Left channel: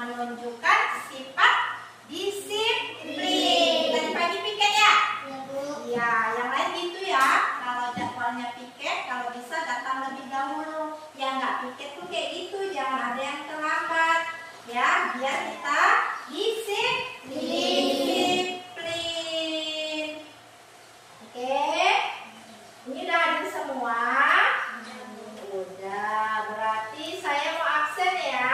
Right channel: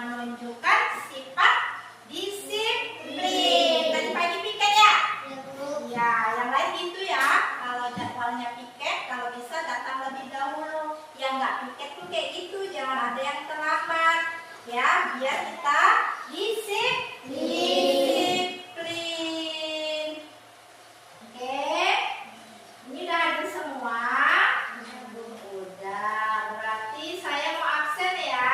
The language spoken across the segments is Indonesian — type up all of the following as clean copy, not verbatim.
menunjukkan sifat disiplin. Tadi pagi piket ya? Ya, yang lain gitu ya. Kalau jadwalnya piket, kalau bisa datang lebih dahulu. Yang nggak piket tuh kayak gitu, jangan ada yang terlambat. Ya, biar kita disiplin. Oke, ini udah hadir semua. Udah, berarti saya mau absen ya.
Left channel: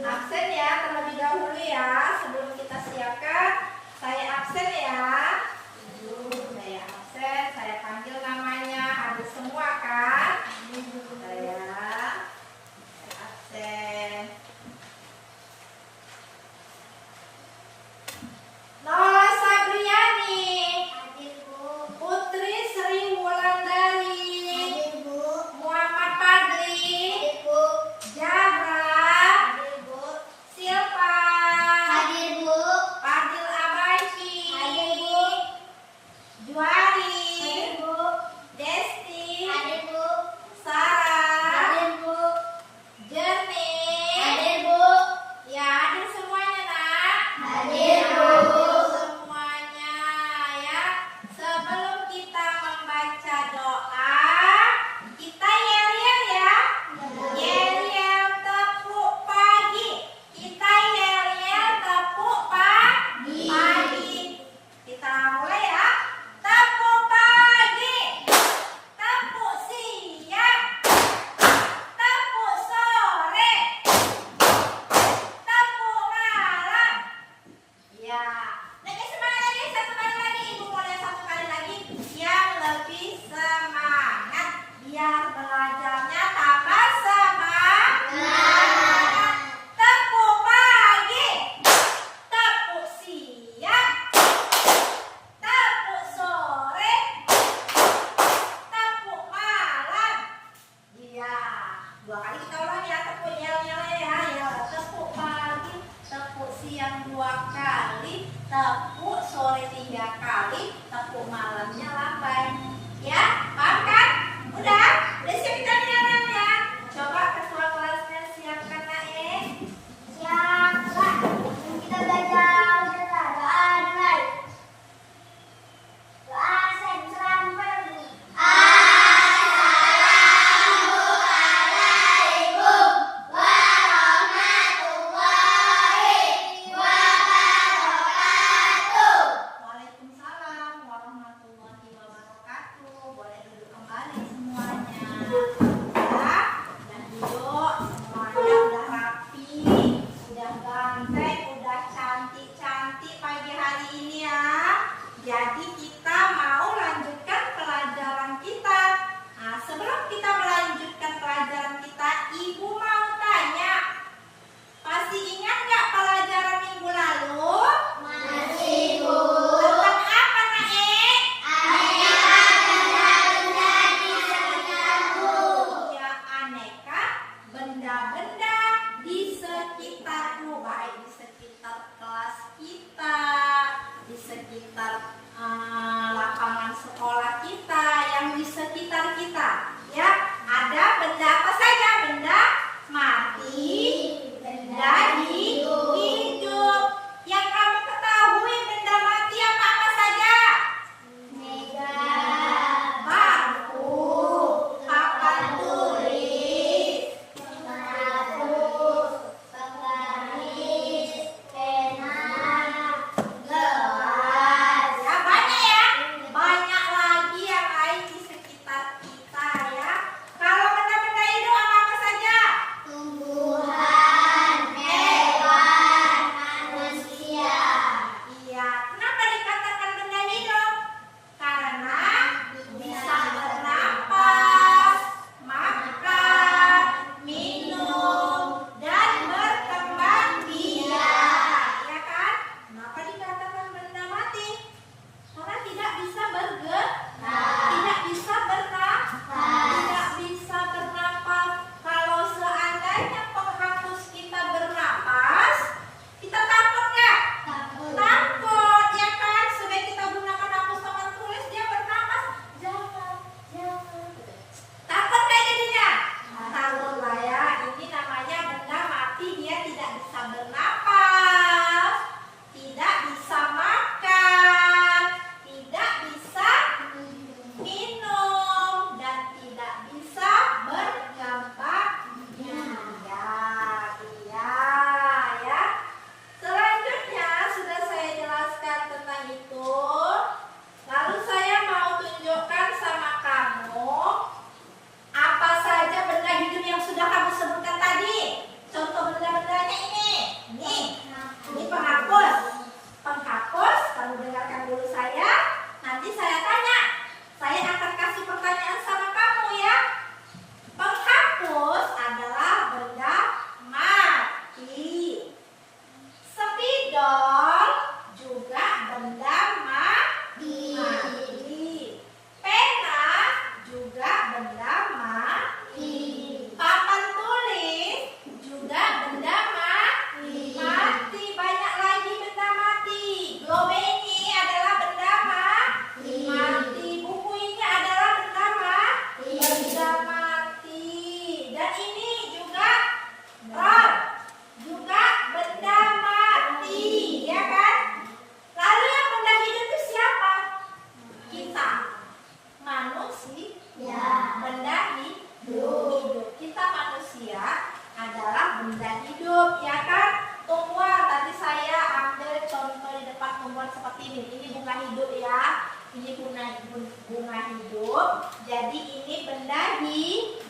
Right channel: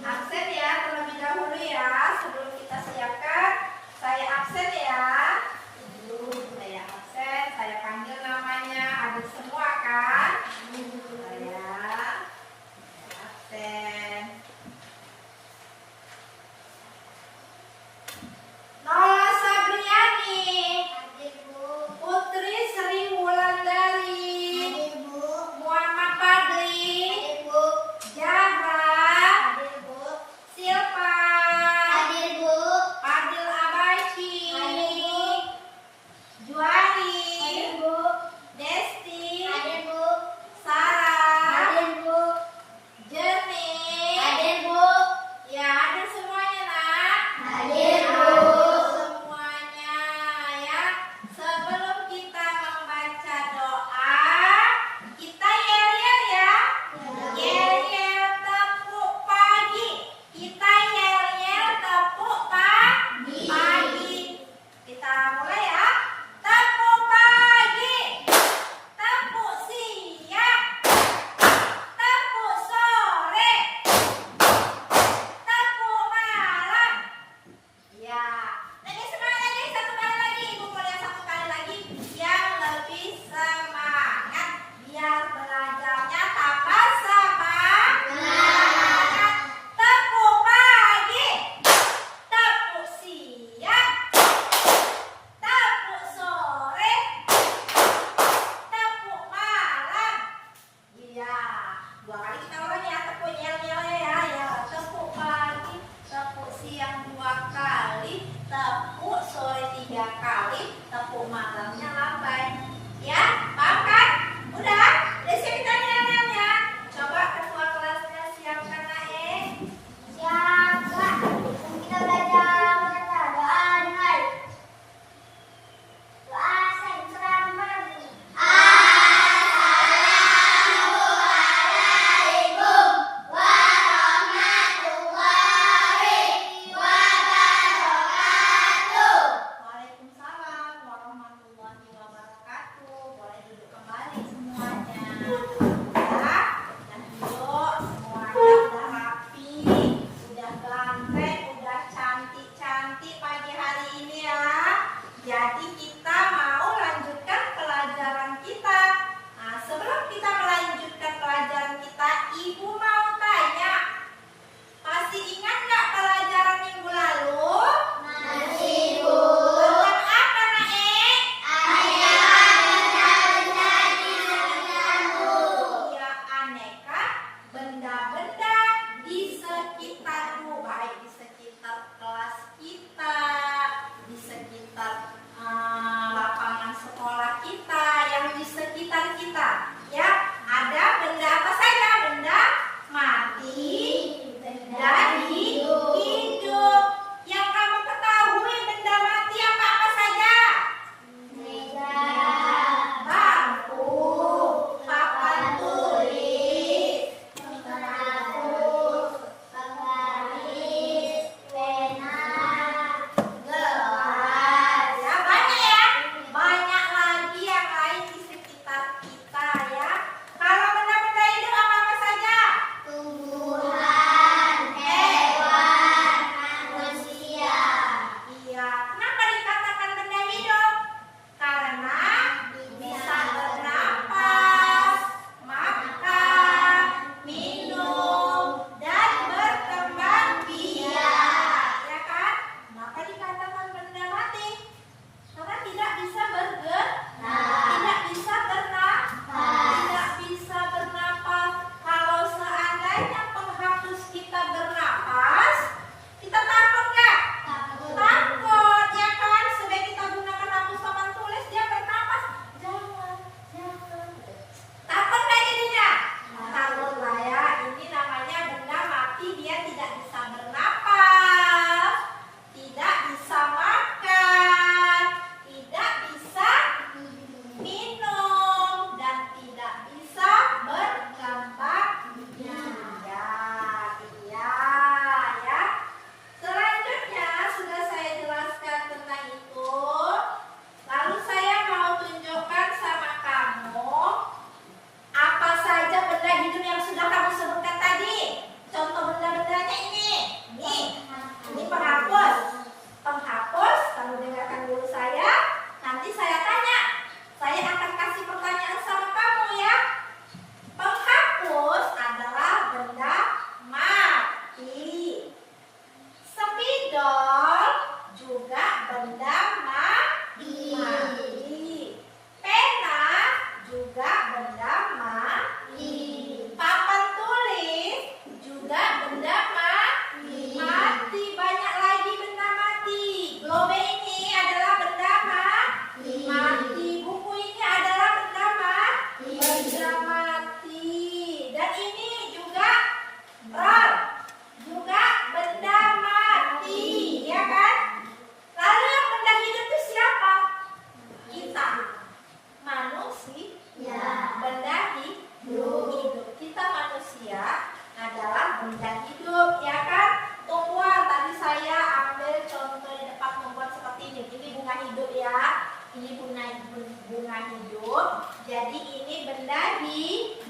Absen ya terlebih dahulu ya. Sebelum kita siapkan, saya absen ya. Saya absen, saya panggil namanya. Hadir semua kan? Saya absen.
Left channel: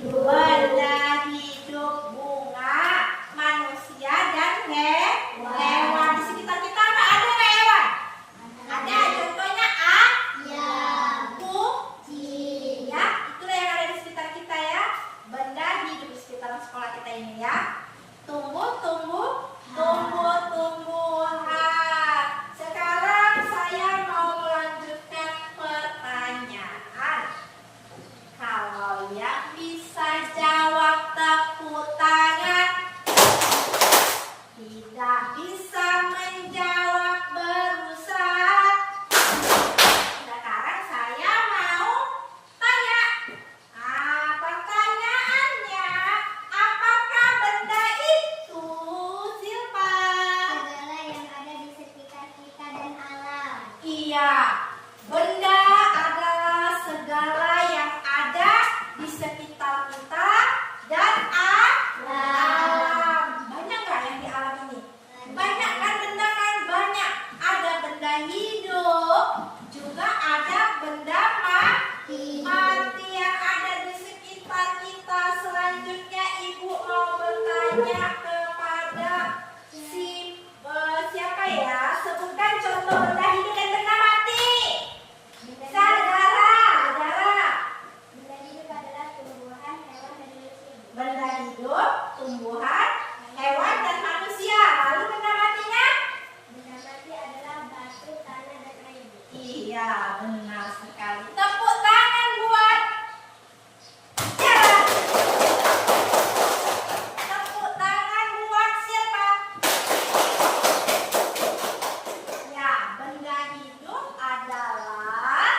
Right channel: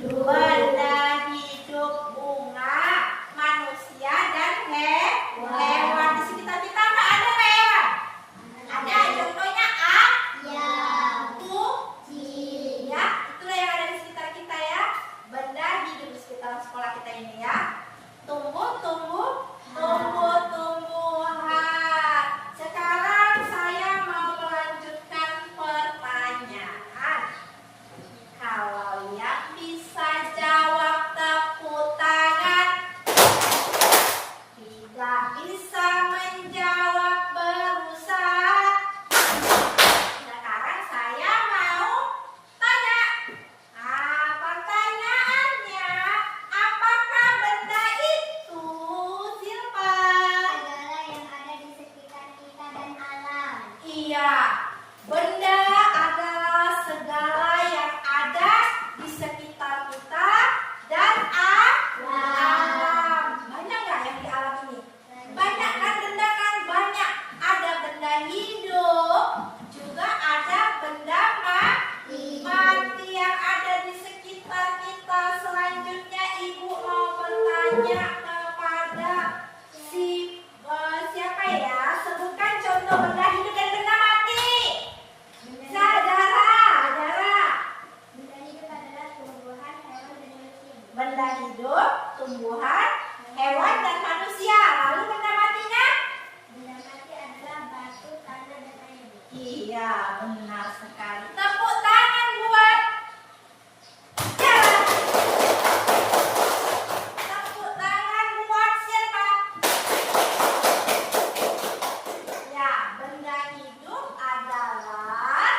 Benda hidup, bunga, manusia, dan hewan. Di sekitar kita nggak ada hewan? Ada. Contohnya kucing. Ya, itulah yang ada di sekitar kita ya. Benda hidup di sekitar sekolah kita ini ya. Tumbuh-tumbuhan. Sekarang saya mau melanjutkan pertanyaan. Kalau yang bisa jawab tepuk tangan. Tidak bisa menjawab berusaha. Sekarang saya mau tanya. Pertanyaannya, apakah benda itu, Silpa? Segala yang ada di sekitar kita dan alam. Iya, benda adalah segala yang ada di sekitar kita dan alam. Banyak nggak yang di alam ini? Banyak kan benda kan? Banyak. Ada benda hidup, juga ada benda mati yang ada di sekitar kita. Selanjutnya Ibu mau bertanya kepada siapa ya? Sebutkan contoh benda hidup dan benda mati. Dara. Benda hidup adalah tumbuhan, hewan, dan manusia. Benda hidup, tumbuhan, hewan, dan manusia. Lalu benda matinya? Benda mati adalah batu, tanah, dan air. Iya, benar sekali. Tepuk tangan buat Jalan. Tepuk tangan buat siapa? Ya, benda hidup adalah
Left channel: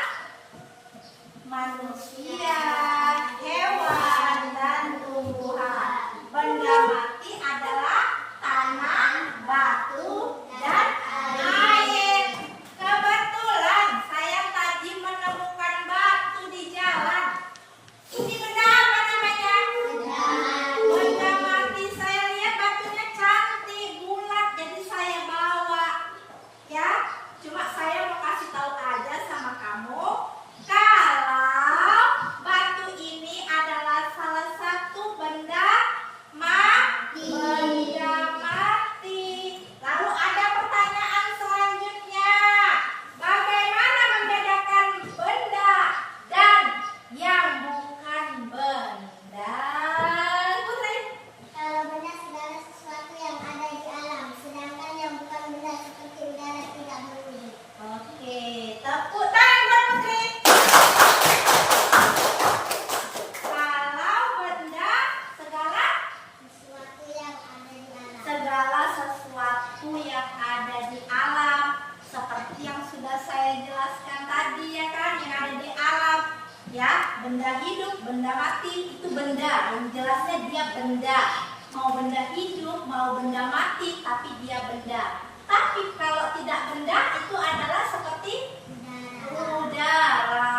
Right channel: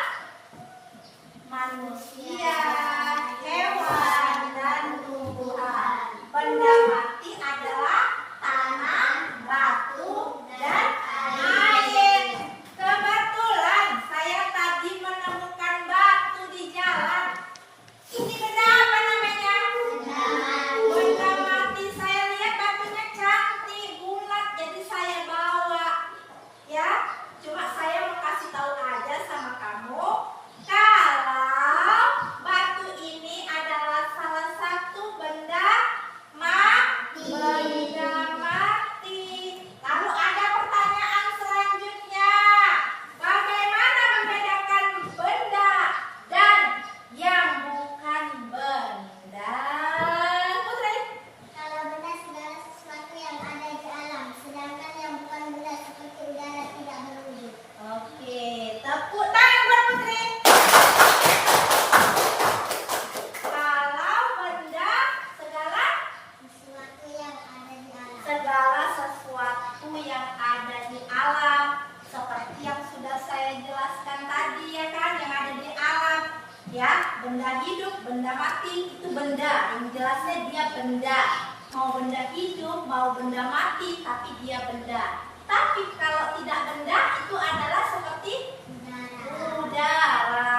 manusia, hewan, dan tumbuhan. Benda mati adalah tanah, batu, dan air. Kebetulan saya tadi menemukan batu di jalan. Ini benda apa namanya? Benda mati. Saya lihat batunya cantik, bulat, jadi saya bawa. Ya, cuma saya mau kasih tahu aja sama kamu kalau batu ini adalah salah satu benda mati. Lalu ada pertanyaan selanjutnya. Bagaimana membedakan benda dan yang bukan benda? Putri? Kalau benda segala sesuatu yang ada di alam, sedangkan yang bukan benda seperti udara tidak berwujud. Oke, tepuk tangan buat Putri. Kalau benda segala sesuatu yang ada di alam, seperti yang sudah saya jelaskan tadi ya kan, yang ada di alam ya, benda hidup, benda mati, itu benda, yang jelasnya dia benda, mau benda hidup, mau benda mati, tapi dia benda. Tapi kalau tidak benda, itu adalah seperti udara,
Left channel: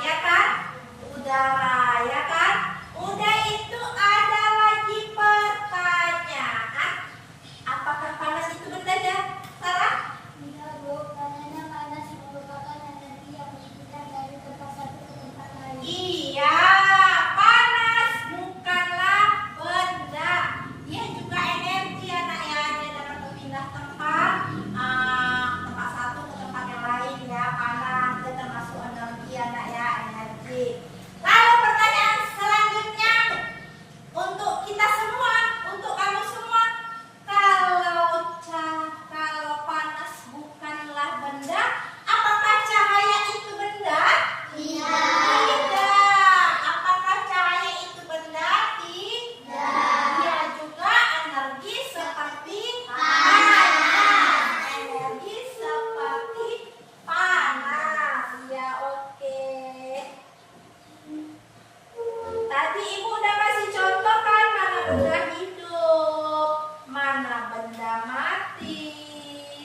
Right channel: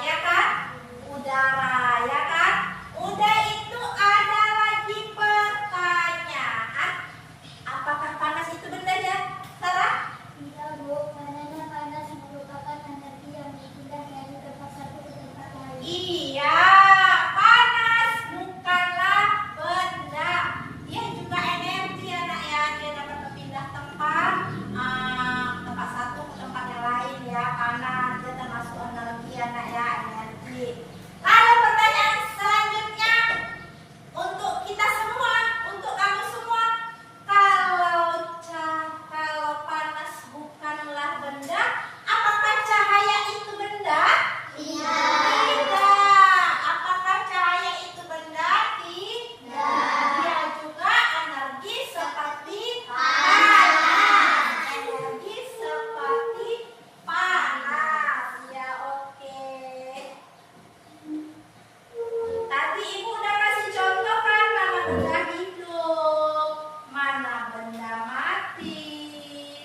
ya kan? Udara, ya kan? Udah, itu ada lagi pertanyaan. Apakah panas itu benda ya, Sarah? Tidak, Bu. Karena panas merupakan energi yang berpindah dari tempat satu ke tempat lain. Iya, panas bukanlah benda. Dia juga energi anak ya. Dia dapat berpindah tempat, tempat satu ke tempat yang lain ya. Panas, dia termasuk energi anak ya, energi. Lalu pertanyaan selanjutnya untuk kita semua, untuk kamu semua, kalau panas bukanlah benda, apakah cahaya itu benda? Tidak. Apakah cahaya itu benda? Tidak. Dia juga energi seperti panas. Energi seperti panas. Ya, oke. Tadi Ibu udah kasih contoh kan, mana benda hidup, mana benda mati.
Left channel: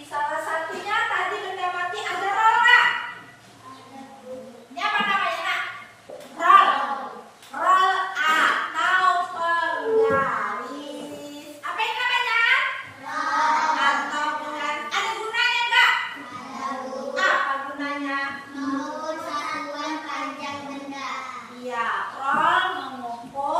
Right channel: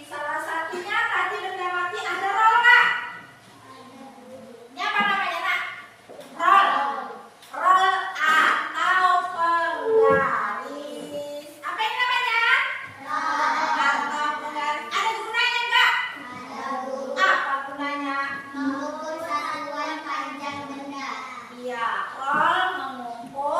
Salah satunya tadi benda mati ada rol nggak? Ini apa namanya nak? Rol. Rol atau penggaris. Apa ini namanya? Rol atau penggaris. Ada gunanya nggak? Apa gunanya? Mengukur satuan panjang benda. Iya, rol mengukur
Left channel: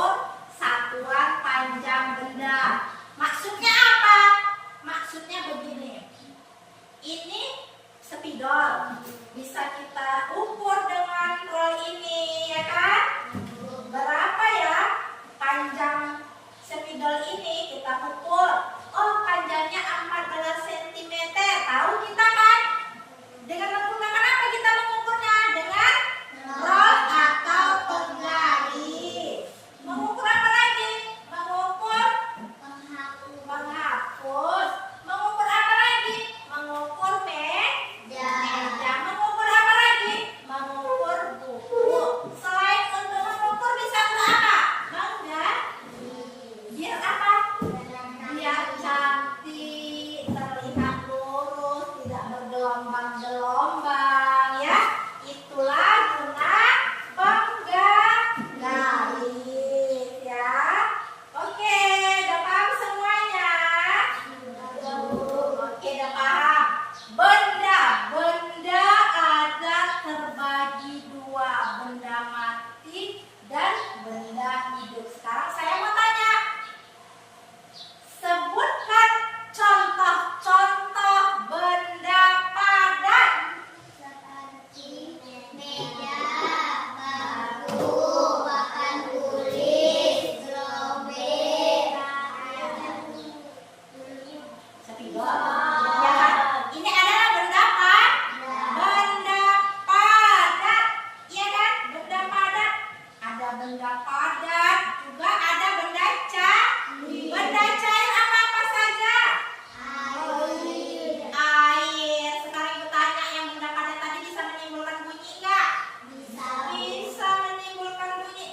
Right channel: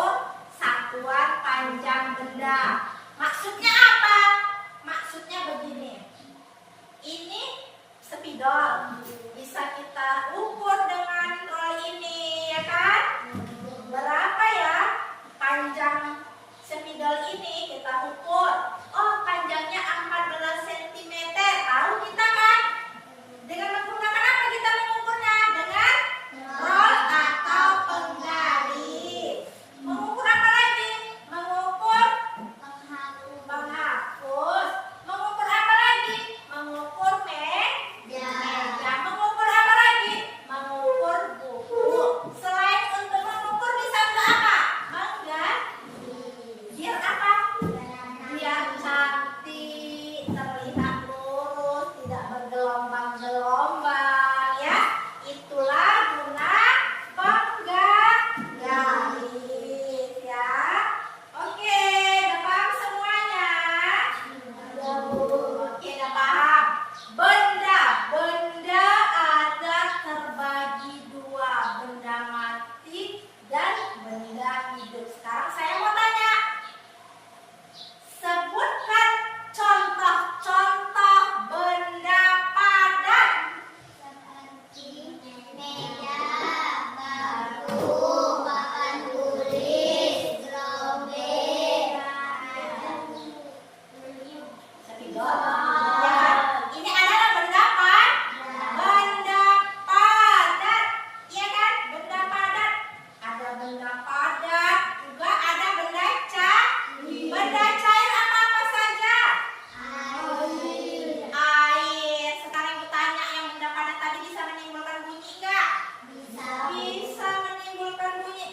hidup. Sekarang saya mau tanya, sebutkan contoh-contoh benda padat. Seperti meja, batu, papan tulis, gerobak, Ya kan? Ini adalah benda padat. Benda padat, iya kan? Benda padat. Ada benda padat, juga ada benda cair. Benda cair apa saja? Air. Sekarang ibu tanya, yang benda padat tadi bisa menimbulkan bunyi enggak? Bisa menimbulkan bunyi.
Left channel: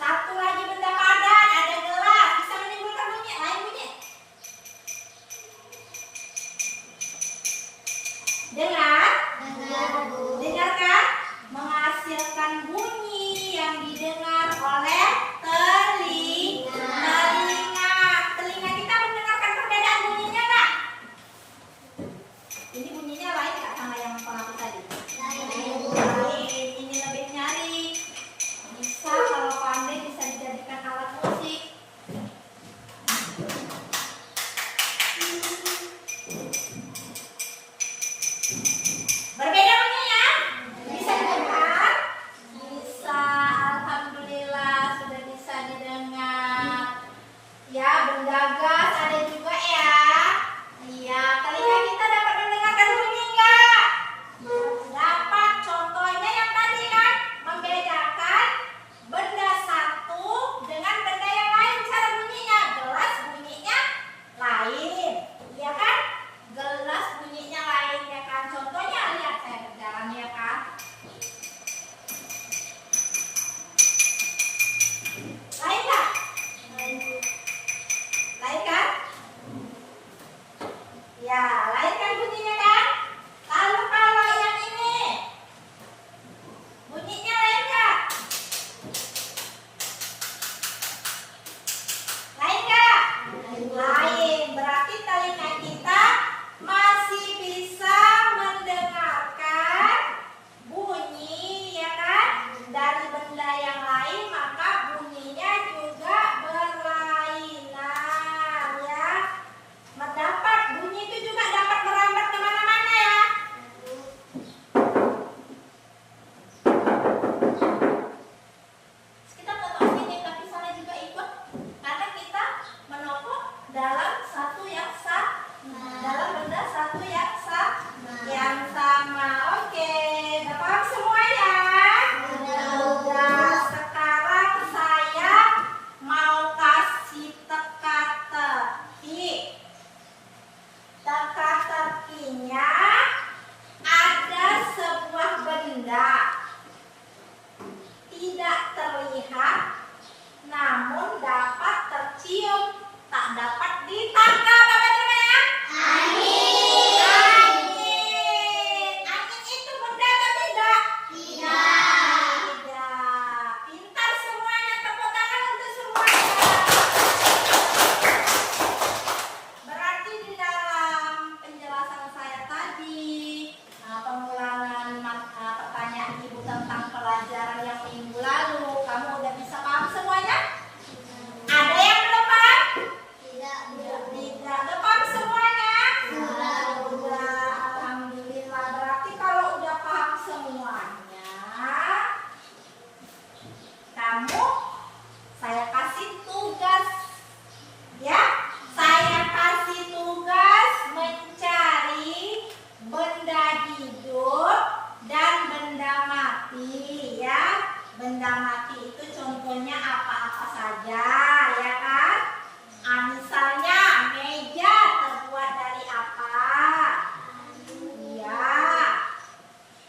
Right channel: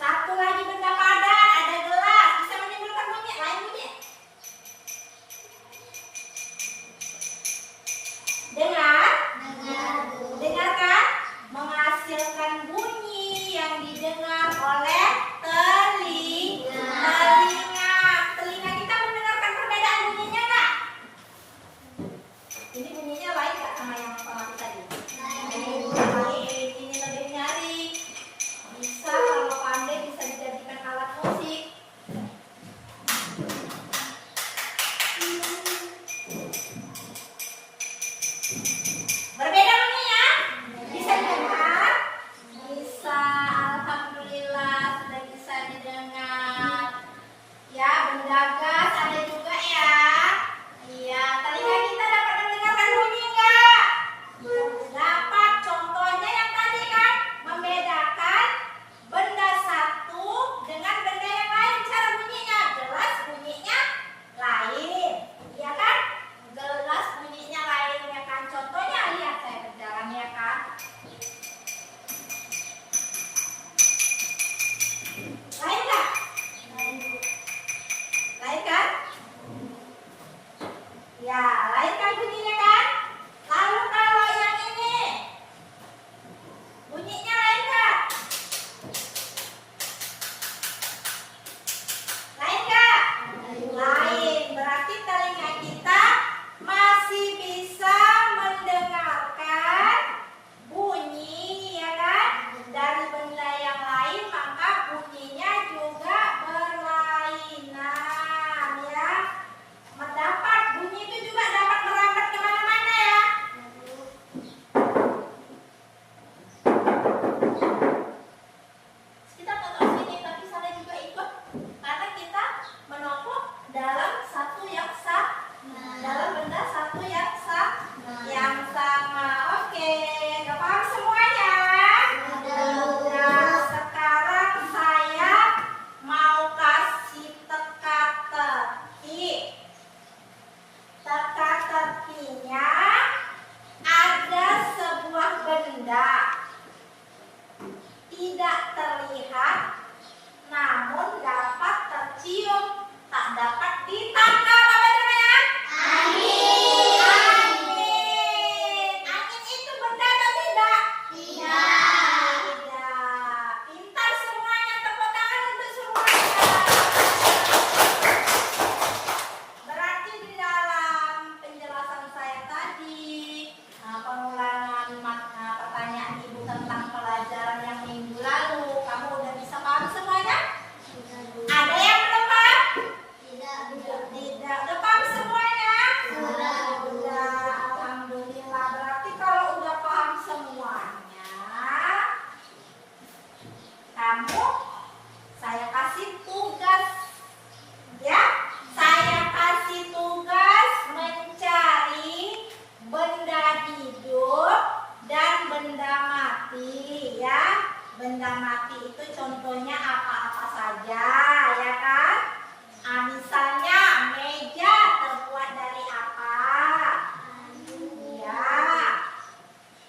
Satu lagi benda padat, ada gelas, bisa menimbulkan bunyi. Lain bunyi. Dengarkan, menghasilkan bunyi yang didengar oleh telinga. Telinga kita mendengarkan perbedaan bunyinya enggak? Ini bunyinya lain enggak sama yang pengaku tadi? Lain. Ini lebih nyaring. Bisa kalau pandai bisa dijadikan alat musik. Berbeda bunyinya? Bisa didengar? Bisa, alhamdulillah sudah bisa didengar. Ya, benda gas ada juga ya. Iya, telinga kita dapat mendengarkan bunyi enggak? Dapat. Contohnya yang tadi kan, membedakan benda satu dengan benda yang lain. Cara bunyinya, gelas bunyinya lain, ya kan? Gelas bunyinya lain, ya kan? Contohnya lihat saya kerjakan, ya kan? Lain nggak? Lain kan? Ya, lain kan bunyinya kan? Lalu kalau yang ini, bunyinya lain nggak? Lain nggak? Lain. Berarti telinga kita masih bisa mendengarkan bunyi, ya kan? Dari benda yang lain, maka bunyinya juga berlainan, ya. Mendapat bunyi itu juga dapat merambat kemana-mana, ya. Kita foto sini, tapi sana juga ikut, karena kita menopok dalam satu yang dalam benda satu yang sama. Oke, udah paham semuanya? Udah. Sekarang saya mau kasih teka-teki. Teka-tekinya ada sebuah benda tidak terlihat namun dapat tercium, tak dapat ditangkap. Apa namanya? Angin. Angin itu benda atau tidak? Tidak. Pintar semuanya, tepuk tangan untuk semuanya. Berarti di dalam penjelasan saya tadi, pengulangan pertanyaan ibu tentang pelajaran yang minggu lalu, kamu udah bisa paham semuanya? Ada yang belum paham? Tidak. Udah paham semuanya? Udah. Alhamdulillah. Berarti kalau udah paham semuanya, kamu, saya kasih tugas, ya. Saya kasih tugas mencari benda hidup dan benda mati, ya. Benda mati itu contohnya apa-apa saja, ya kan? Misalnya meja terbuat dari apa? Ya.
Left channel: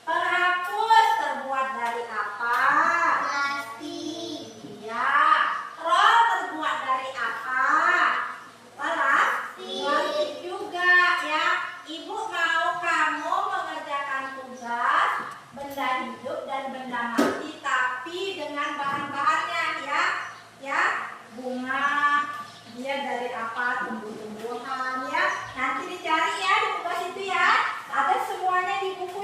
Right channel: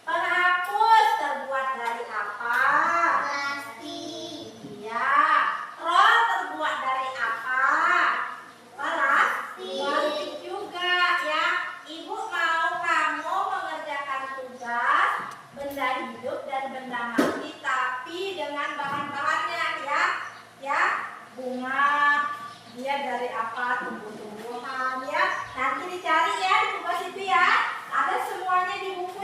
Penghapus terbuat dari apa? Plastik. Ya. Roll terbuat dari apa? Plastik juga, ya. Ibu mau kamu mengerjakan tugas benda hidup dan benda mati, tapi dengan bahan-bahannya, ya. Ya, bunga, dia dari apa? Tumbuh-tumbuhan, ya. Nanti dicari ya di tugas itu, ya. Ada semuanya di buku